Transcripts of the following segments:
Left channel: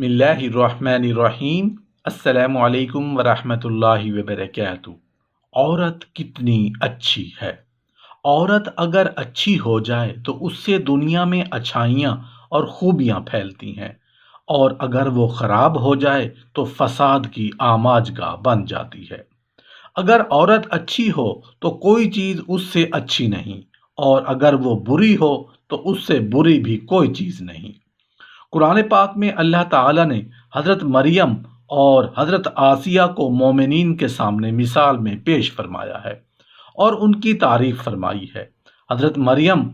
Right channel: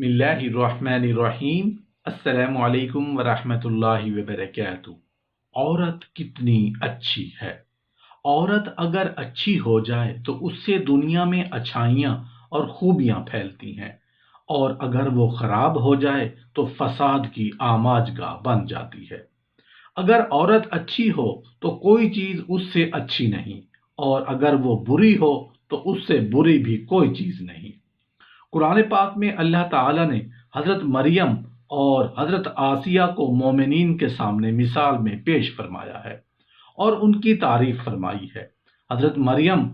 بسم اللہ الرحمن الرحیم۔ السلام علیکم ورحمۃ اللہ وبرکاتہ۔ عورت کتنی اچھی ہے۔ عورت اگر اچھی ہو جائے تو اس سے دنیا میں اچھائیاں اور خوبیاں پھیلتی ہیں، اور اگر وہ خراب ہو جائے تو فساد کی آماج گاہ بن جاتی ہے۔ اگر عورت اچھی ہو تو کوئی چیز اس سے اچھی نہیں، اور اگر وہ بری ہو تو اس سے بری بھی کوئی چیز نہیں۔ قرآن پاک میں اللہ تعالیٰ نے حضرت مریم اور حضرت آسیہ کو مومنین کے سامنے مثال میں پیش فرمایا ہے اور ان کی تعریف فرمائی ہے۔ حضرت مریم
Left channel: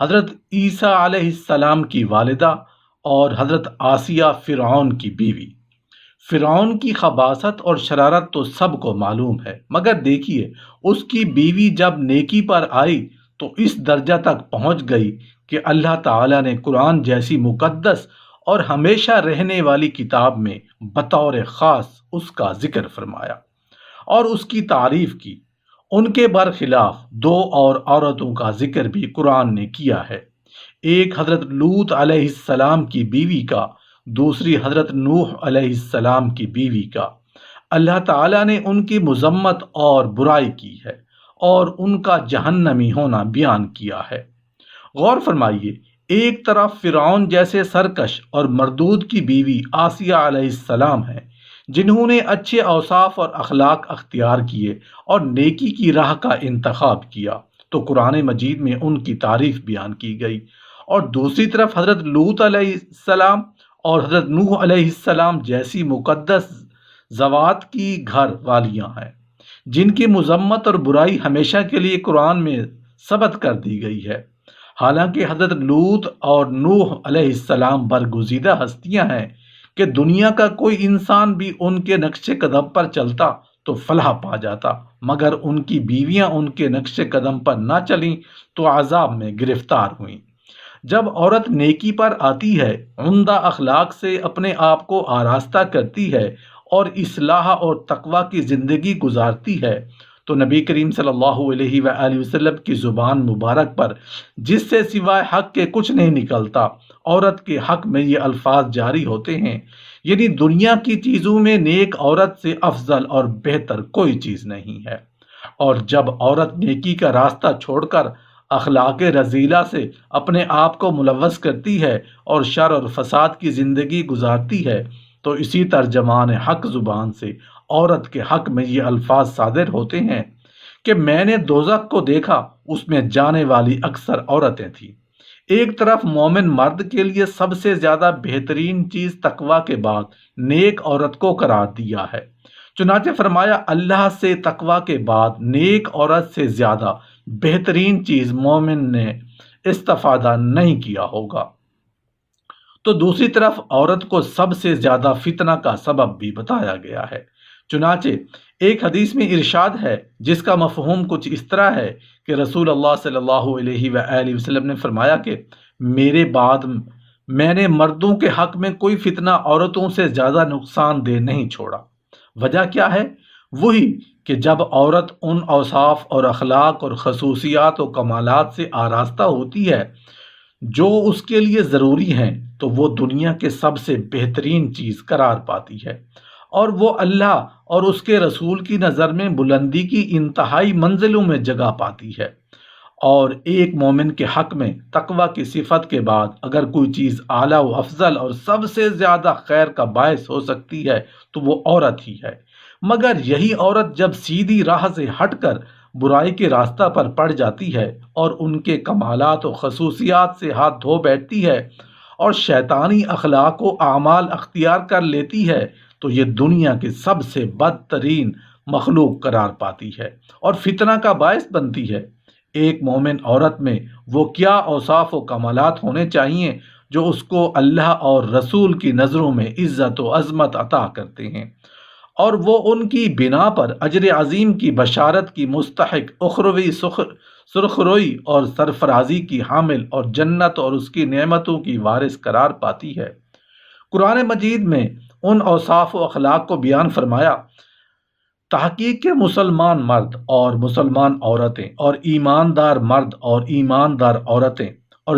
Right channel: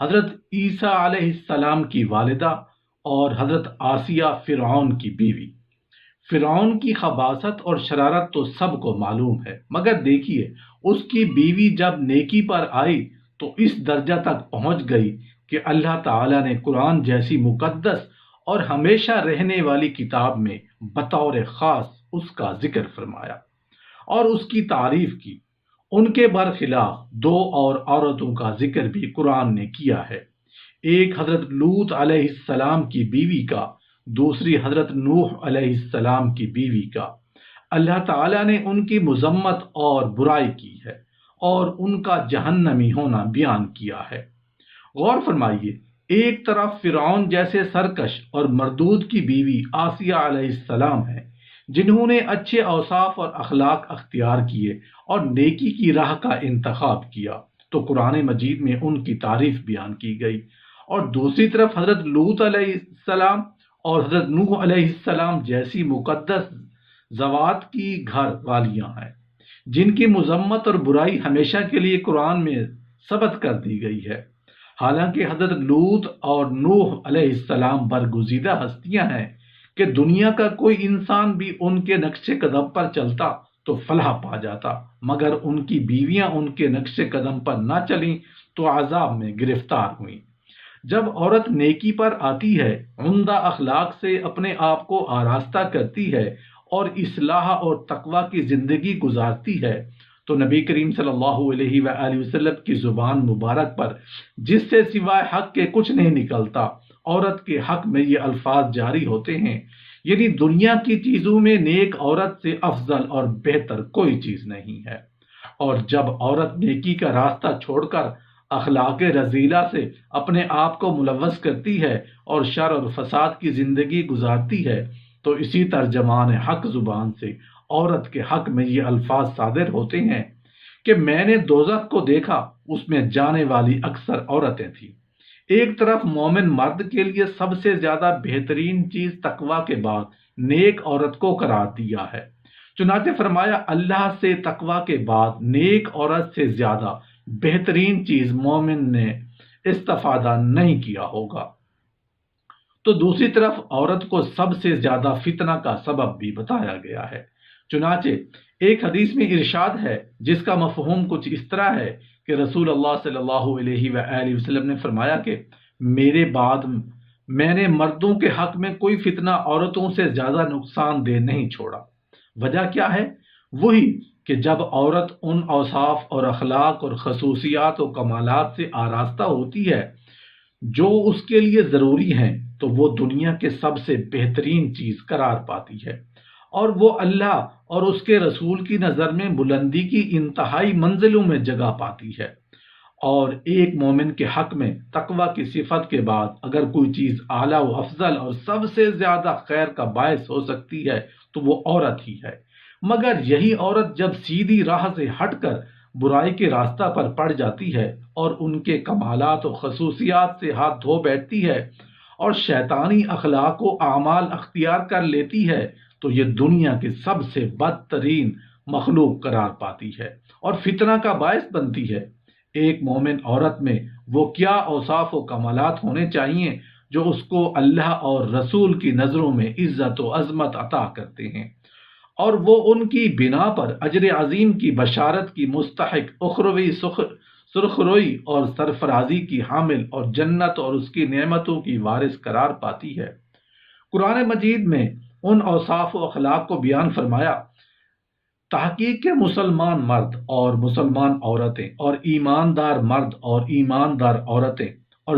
حضرت عیسیٰ علیہ السلام کی والدہ اور حضرت آسیہ فرعون کی بیوی۔ فرعون کی خباثت اور شرارت تو سب کو معلوم ہے، مگر دیکھیے اس کی بیوی جب نیکی پر آئی تو اس درجہ تک پہنچ گئی کہ اللہ تعالیٰ نے قرآن جیسی مقدس اور ہمیشہ رہنے والی کتاب میں بطور خاص اس کا ذکر فرمایا اور اس کی تعریف کی۔ ان کے برخلاف دو اور عورتوں کا ذکر بھی قرآن نے کیا ہے، ایک حضرت لوط علیہ السلام کی بیوی کا، دوسری حضرت نوح علیہ السلام کی بیوی کا۔ اللہ تعالیٰ نے ان کی مذمت اور برائی کی ہے اور ان کا جہنمی ہونا بیان کیا ہے۔ غور فرمائیے، ایک طرف فرعون جیسے سرکش اور مردود کی بیوی آسیہ علیہ السلام ہے، جنہوں نے اچھے اوصاف اور اخلاق اختیار کیے اور نیکی کی راہ کا انتخاب کیا، تو قرآن مجید میں ان کی تعریف بیان کی گئی۔ اور دوسری طرف حضرت لوط علیہ السلام اور حضرت نوح علیہ السلام جیسی مقدس ذوات کی گھر والیاں ہیں، جن کی مذمت اور برائی ہمیشہ کے لیے قرآن میں ثبت کر دی گئی ہے۔ حالانکہ حضرت لوط اور نوح علیہ السلام برگزیدہ ہستیاں ہیں کہ دنیا کا کوئی انسان بھی ان کے نقش قدم پر چلتا تو فلاح پا جاتا، مگر ان کی بیویاں ان کے نقش قدم پر نہ چلیں تو عذاب میں گرفتار ہوئیں۔ جب عورت نیکی پر آتی ہے، عمدہ اخلاق سے اپنے آپ کو آراستہ کرتی ہے اور اصلاح اور تقوی کی زندگی گزارتی ہے، تو نبی کریم صلی اللہ علیہ وآلہ وسلم کی زبان مبارک پر جس سے سوائے حق کے کچھ نہیں نکلتا، عورت کے حق میں یہ الفاظ جاری ہوتے ہیں، یعنی دنیا کی چیزوں میں نیک عورت سے افضل اور بہتر کوئی چیز نہیں ہے۔ اور جب عورت نیکی کا راستہ چھوڑ کر اخلاق رذیلہ سے اپنے آپ کو ملوث کرتی ہے اور شر اور فساد کی زندگی گزارتی ہے، تو اسی ترجمان حق زبان سے عورت کے حق میں یہ الفاظ صادر ہوتے ہیں کہ میں نے دوزخ کو دیکھا، اس میں جانے والی اکثر عورتیں تھیں۔ ایک طرف مومن مرد کے لیے سب سے زیادہ بہترین چیز تقوی کے بعد نیک عورت کو قرار دیا ہے، چنانچہ فرمایا اللہ سے تقوی کے بعد نیک عورت سے زیادہ بہترین چیز مومن نے استفادہ نہیں کیا ہوگا۔ تو دوسری طرف عورت کو سب سے زیادہ فتنہ کا سبب بھی بتایا گیا ہے۔ چنانچہ ایک حدیث میں ارشاد ہے جس کا مفہوم کچھ اس طرح ہے کہ رسول اللہ صلی اللہ علیہ وآلہ وسلم نے فرمایا کہ میرے بعد میں نے مردوں کے حق میں کوئی فتنہ عورتوں سے زیادہ نقصان دہ نہیں چھوڑا۔ وجہ کیا ہے؟ وہی کہ جب عورت ان اوصاف اور اخلاق اور خصوصیات و کمالات سے آراستہ ہوتی ہے جو اس کے لیے ضروری ہیں، تو وہ دنیا کے سب سے بہترین چیز قرار پاتی ہے، اور وہ اللہ اور اس کے رسول کی نظر میں بلندی کی انتہائی منزلوں میں جگہ پاتی ہے۔ اور ایک مومن کے حق میں تقوی کی صفت کے بعد اگر کوئی چیز اعلیٰ و افضل اور سب سے زیادہ خیر کا باعث ہو سکتی ہے تو وہ عورت ہی ہے، مگر یہی عورت جب سیدھی راہ سے ہٹ کر برائی کے راستہ پر پڑ جاتی ہے اور ان کے کمالات و خصوصیات سے ہاتھ دھو بیٹھتی ہے اور شیطانی اخلاق و اعمال اختیار کر لیتی ہے، تو یہ دنیا کی سب سے بدترین مخلوق قرار پاتی ہے اور فتنہ کا باعث بنتی ہے۔ ایک مومن عورت میں وہ کیا اوصاف و کمالات ہونے چاہیے جو اس کو اللہ اور رسول کی نظروں میں عزت و عظمت عطا کرتے ہیں، اور وہ ان کی بنا پر اجر عظیم کی بشارت کی مستحق، اخروی سرخروئی اور سرفرازی کی حامل اور جنت اور اس کی نعمتوں کی وارث قرار پاتی ہے۔ قرآن مجید میں ان اوصاف و اخلاق کو بیان فرمایا۔ تحقیق کے مسلمان مرد اور مسلمان عورتیں اور ایماندار مرد اور ایماندار عورتیں اور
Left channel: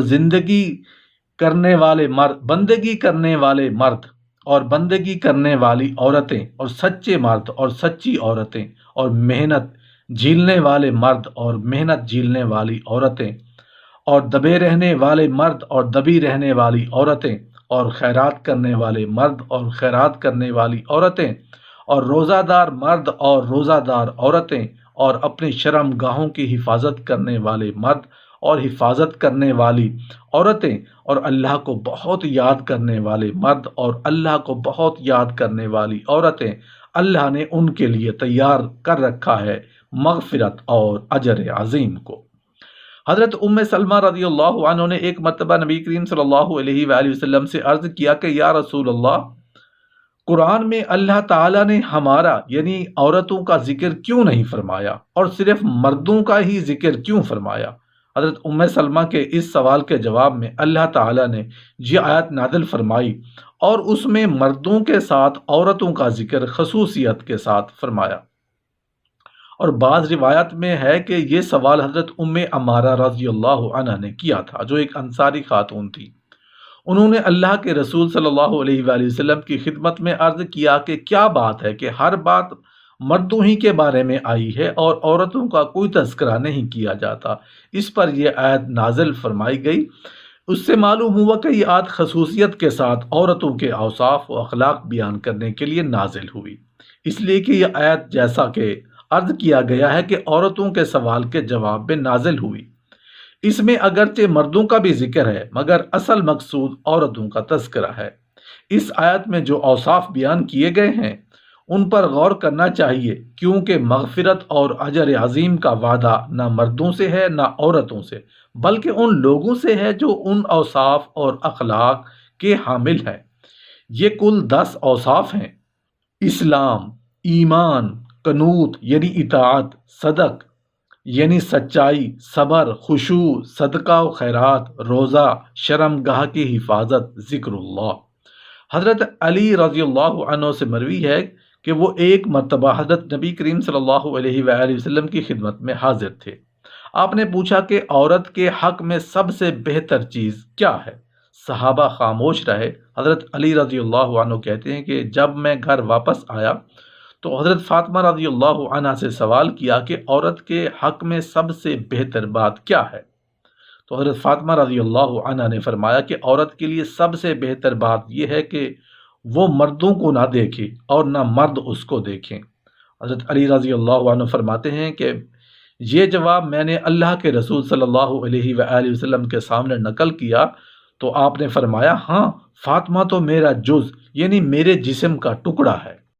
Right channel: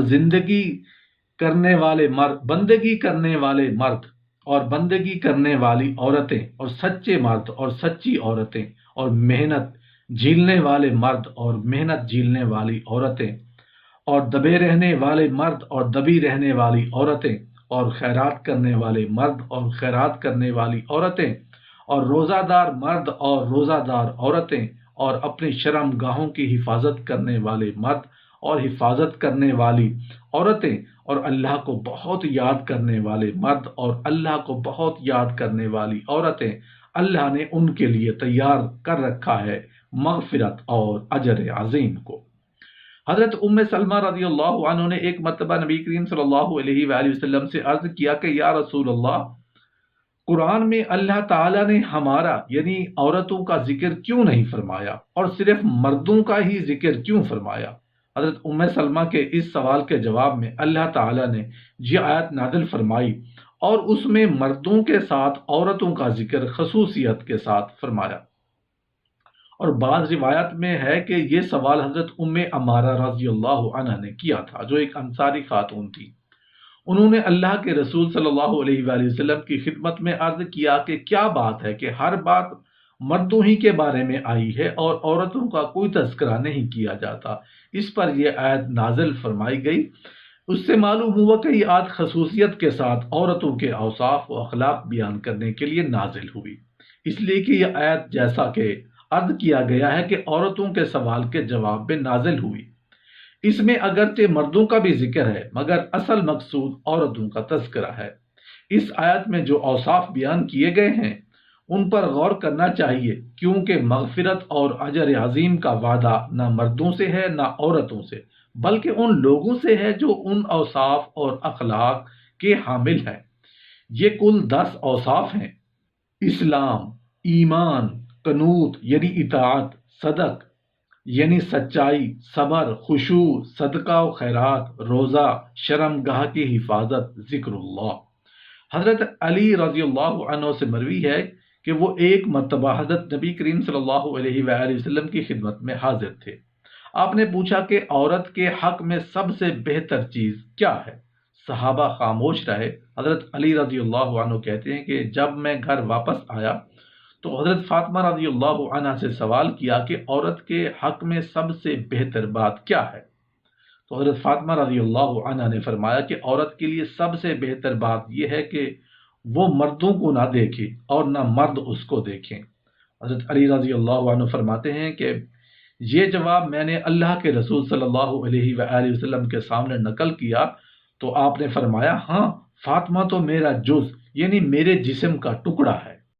بندگی کرنے والے مرد اور بندگی کرنے والی عورتیں اور سچے مرد اور سچی عورتیں اور محنت جھیلنے والے مرد اور محنت جھیلنے والی عورتیں اور دبے رہنے والے مرد اور دبی رہنے والی عورتیں اور خیرات کرنے والے مرد اور خیرات کرنے والی عورتیں اور روزہ دار مرد اور روزہ دار عورتیں اور اپنی شرم گاہوں کی حفاظت کرنے والے مرد اور حفاظت کرنے والی عورتیں اور اللہ کو بہت یاد کرنے والے مرد اور اللہ کو بہت یاد کرنے والی عورتیں، اللہ نے ان کے لیے تیار کر رکھا ہے مغفرت اور اجر عظیم کو۔ حضرت ام سلمہ رضی اللہ عنہ نے ایک مرتبہ نبی کریم صلی اللہ علیہ وآلہ وسلم سے عرض کیا کہ یا رسول اللہ، قرآن میں اللہ تعالیٰ نے ہمارا یعنی عورتوں کا ذکر کیوں نہیں فرمایا اور صرف مردوں کا ہی ذکر کیوں فرمایا؟ حضرت ام سلمہ کے اس سوال کے جواب میں اللہ تعالیٰ نے یہ آیت نازل فرمائی اور اس میں مردوں کے ساتھ عورتوں کا ذکر خصوصیت کے ساتھ فرمایا۔ اور بعض روایت میں ہے کہ یہ سوال حضرت ام عمارہ رضی اللہ عنہ نے کیا تھا، جو ایک انصاری خاتون تھی۔ انہوں نے اللہ کے رسول صلی اللہ علیہ وآلہ وسلم کی خدمت میں عرض کیا کہ کیا بات ہے کہ ہر بات مردوں ہی کے بارے میں آئی ہے اور عورتوں کا کوئی تذکرہ نہیں کیا جاتا؟ اس پر یہ آیت نازل فرمائی گئی۔ اس سے معلوم ہوا کہ یہ آیت خصوصیت کے ساتھ عورتوں کے اوصاف و اخلاق بیان کرنے کے لیے نازل ہوئی، اس لیے کہ یہ آیت جیسا کہ عرض کیا گیا ہے کہ عورتوں کے سوال کے جواب میں نازل ہوئی۔ اس میں اگرچہ مردوں کا بھی ذکر ہے مگر اصل مقصود عورتوں کا تذکرہ ہے۔ اس آیت میں جو اوصاف بیان کیے گئے ہیں ان پر غور کرنا چاہیے، کیونکہ مغفرت اور اجر عظیم کا وعدہ نہ مردوں سے ہے نہ عورتوں سے، بلکہ ان لوگوں سے ہے جو ان اوصاف اور اخلاق کے حامل ہیں۔ یہ کل 10 اوصاف ہیں: اسلام، ایمان، قنوت یعنی اطاعت، صدق یعنی سچائی، صبر، خشوع، صدقہ و خیرات، روزہ، شرم گاہ کی حفاظت، ذکر اللہ۔ حضرت علی رضی اللہ عنہ سے مروی ہے کہ وہ ایک مرتبہ حضرت نبی کریم صلی اللہ علیہ وآلہ وسلم کی خدمت میں حاضر تھے۔ آپ نے پوچھا کہ عورت کے حق میں سب سے بہتر چیز کیا ہے؟ صحابہ خاموش رہے۔ حضرت علی رضی اللہ عنہ کہتے ہیں کہ جب میں گھر واپس آیا تو حضرت فاطمہ رضی اللہ عنہ سے سوال کیا کہ عورت کے حق میں سب سے بہتر بات کیا ہے؟ تو حضرت فاطمہ رضی اللہ عنہ نے فرمایا کہ عورت کے لیے سب سے بہتر بات یہ ہے کہ وہ مردوں کو نہ دیکھے اور نہ مرد اس کو دیکھیں۔ حضرت علی رضی اللہ عنہ فرماتے ہیں کہ یہ جواب میں نے اللہ کے رسول صلی اللہ علیہ وآلہ وسلم کے سامنے نقل کیا تو آپ نے فرمایا، ہاں، فاطمہ تو میرا جز یعنی میرے جسم کا ٹکڑا ہے۔